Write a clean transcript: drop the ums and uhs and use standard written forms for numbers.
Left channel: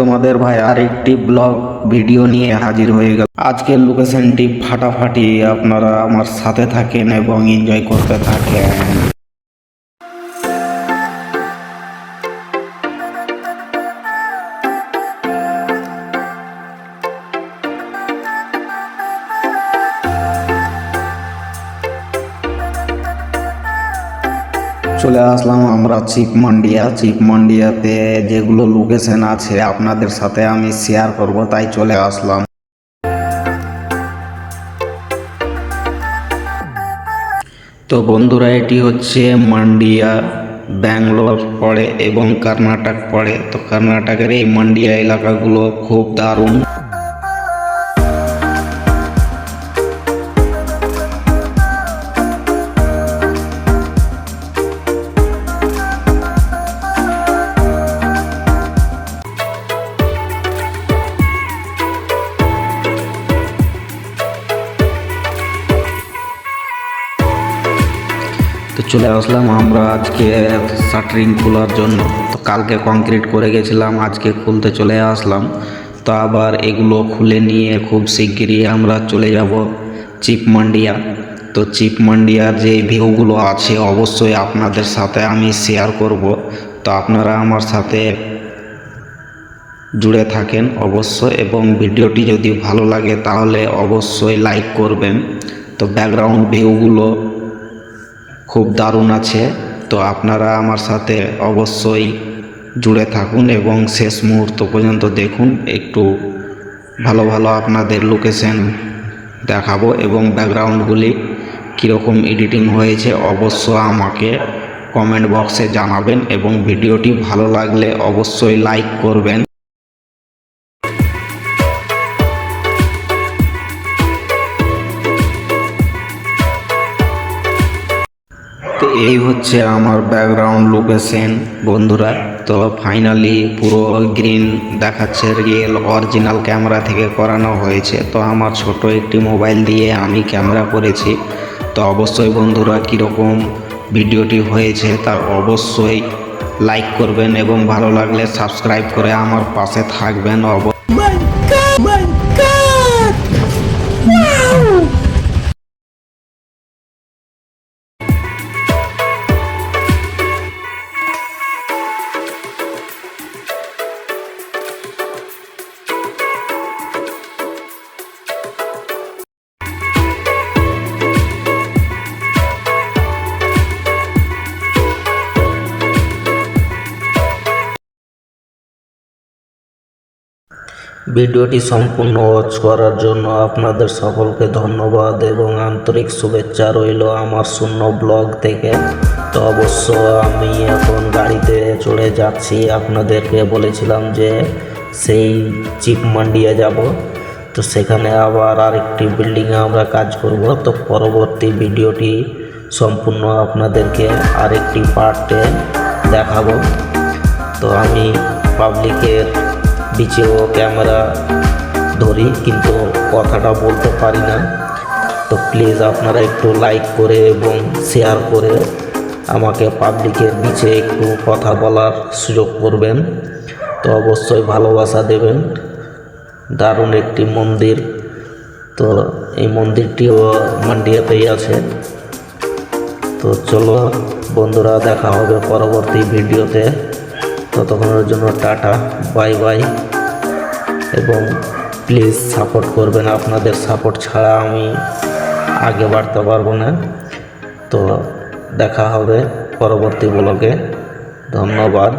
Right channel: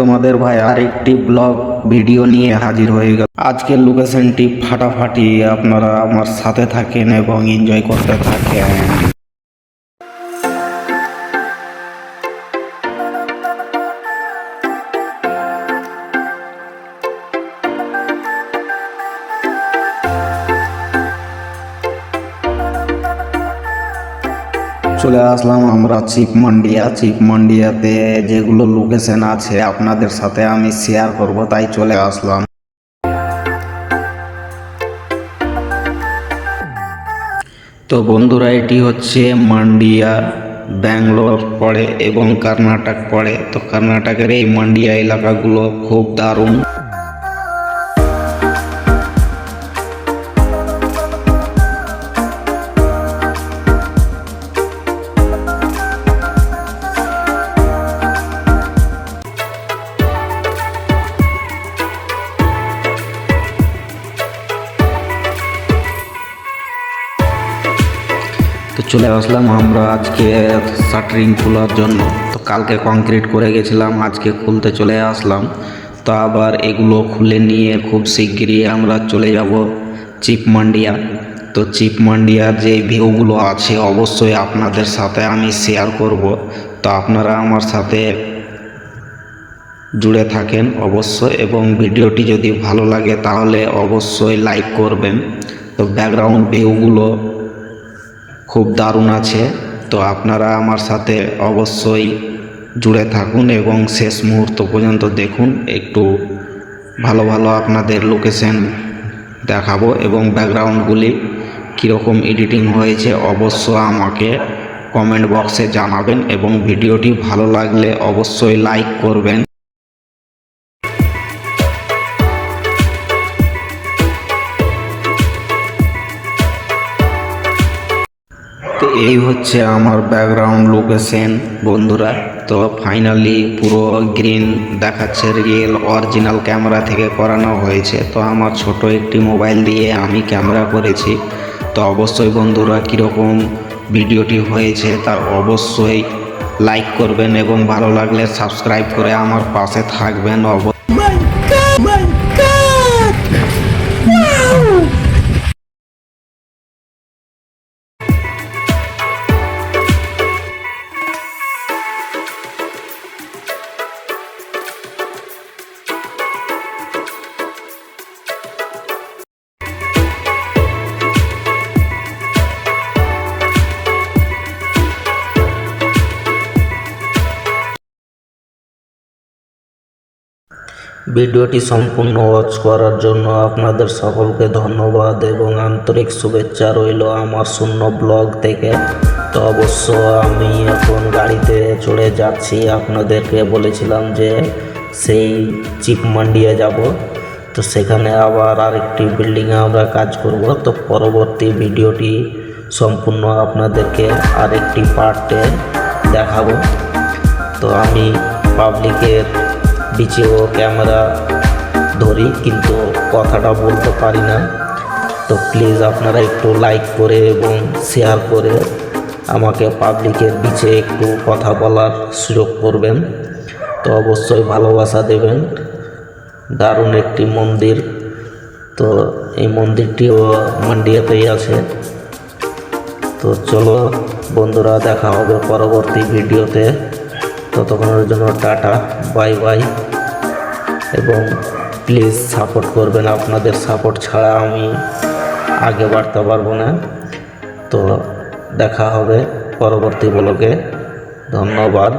তোমাদের ভাই আরেকটি ব্লগ ভিডিও নিয়ে হাজির হয়ে গেল। আজকের লোকেশনটি ফাটাফাটি, আপনারা আমার সাথে থাকেন এবং এনজয় করতে থাকেন। চলে আসলাম আমরা চিকমান্ডিয়াতে যেগুলো লোকেশন আছে আপনাদের সাথে আমি শেয়ার করব, তাই চলে আসলাম। তো বন্ধুরা, এটি হচ্ছে মান্ডিয়া, ব্যাঙ্গালোর পড়ে এবং কর্ণাটক পড়ে। তো কর্ণাটকের এই মান্ডিয়া এলাকাগুলো খুব দারুণ। তো চলে আসলাম আমরা আজকে শাটারিং খোলার জন্য। তো কালকে কংক্রিট করে গেছিলাম, আজকে খুলতে চলে আসলাম। তো আবার এগুলো খুলে নিয়ে খুব শিগগিরই আমরা চলে যাব চিকমান্ডিয়া। তো চিকমান্ডিয়ার যে ভিউগুলো আছে অবশ্যই আপনাদের সাথে আমি শেয়ার করব। তো আপনারা আমার সাথে জুড়ে থাকেন অবশ্যই, এবং ভিডিওটি যদি ভালো লাগে তাহলে অবশ্যই লাইক করবেন। তো ব্যাকগ্রাউন্ড ভিউগুলো খুব দারুণ আছে। তো আপনারা আমার সাথে অবশ্যই জুড়ে থাকুন এবং শেষ মুহূর্ত পর্যন্ত দেখুন। একটু ভালো ভালো আপনাদের লোকেশন দেখাবো এবং ব্যাকগ্রাউন্ডগুলি কীরকম এডিটিং হয়েছে অবশ্যই আমাকে কমেন্ট বক্সে জানাবেন, এবং ভিডিওটি ভালো লাগলে অবশ্যই লাইক করবেন। তো এই হচ্ছে আমার ব্যাকগ্রাউন্ড লোকেশন বন্ধুরা। তো ফাইনালি পুরো গ্রিন দেখাচ্ছে, রিয়েল অরিজিনাল ক্যামেরা থেকে করানো হয়েছে। তো আমার ছোট একটি মোবাইল দিয়ে আমি ক্যামেরা করেছি। তো অবশ্যই বন্ধুরা কীরকম ভিডিওটি হয়েছে তা অবশ্যই লাইক করবেন এবং ভালো লাগলে সাবস্ক্রাইব করে আমার পাশে থাকবেন। ভিডিওটি সম্পূর্ণ ওয়াচ করার জন্য আপনাদের সকলকে ধন্যবাদ এবং আন্তরিক শুভেচ্ছা রইল আমার শূন্য ব্লগ থেকে। তো অবশ্য আমি এখন গাড়িতে চড়ে যাচ্ছি, আপনাদেরকে বলেছিলাম যে সেই চিকমান্ডিয়া যাব। তো সেখানে আবার আরেকটি বিল্ডিংয়ে আমরা কাজ করব। তো পরবর্তী ভিডিওটি সম্পূর্ণ আপনাদেরকে আরেকটি পার্টে দেখাবো। তো আমি পাবলিকের বিচিং ক্যামেরা ধরি কিন্তু কথাটা বলতে পারি না। তো প্লিজ আপনারা একটু লাইক করে এবং শেয়ার করে আমাকে পাবলিকের নিচে একটু কথা বলার সুযোগ করবেন। তো অবশ্যই ভালোবাসা দেবেন। দারুণ একটি মন্দির। তো এই মন্দিরটিও মান্ডিয়াতেই আছে। তো চলো বন্ধুরা, দেখা হবে পরবর্তী ভিডিওতে। ততক্ষণের জন্য টাটা, বাই বাই, এবং প্লিজ সাপোর্ট করবেন। আপনাদের সাপোর্ট ছাড়া আমি আগে বাড়তে পারবো না। তো দেখা হবে পরবর্তী ব্লগে। ধন্যবাদ।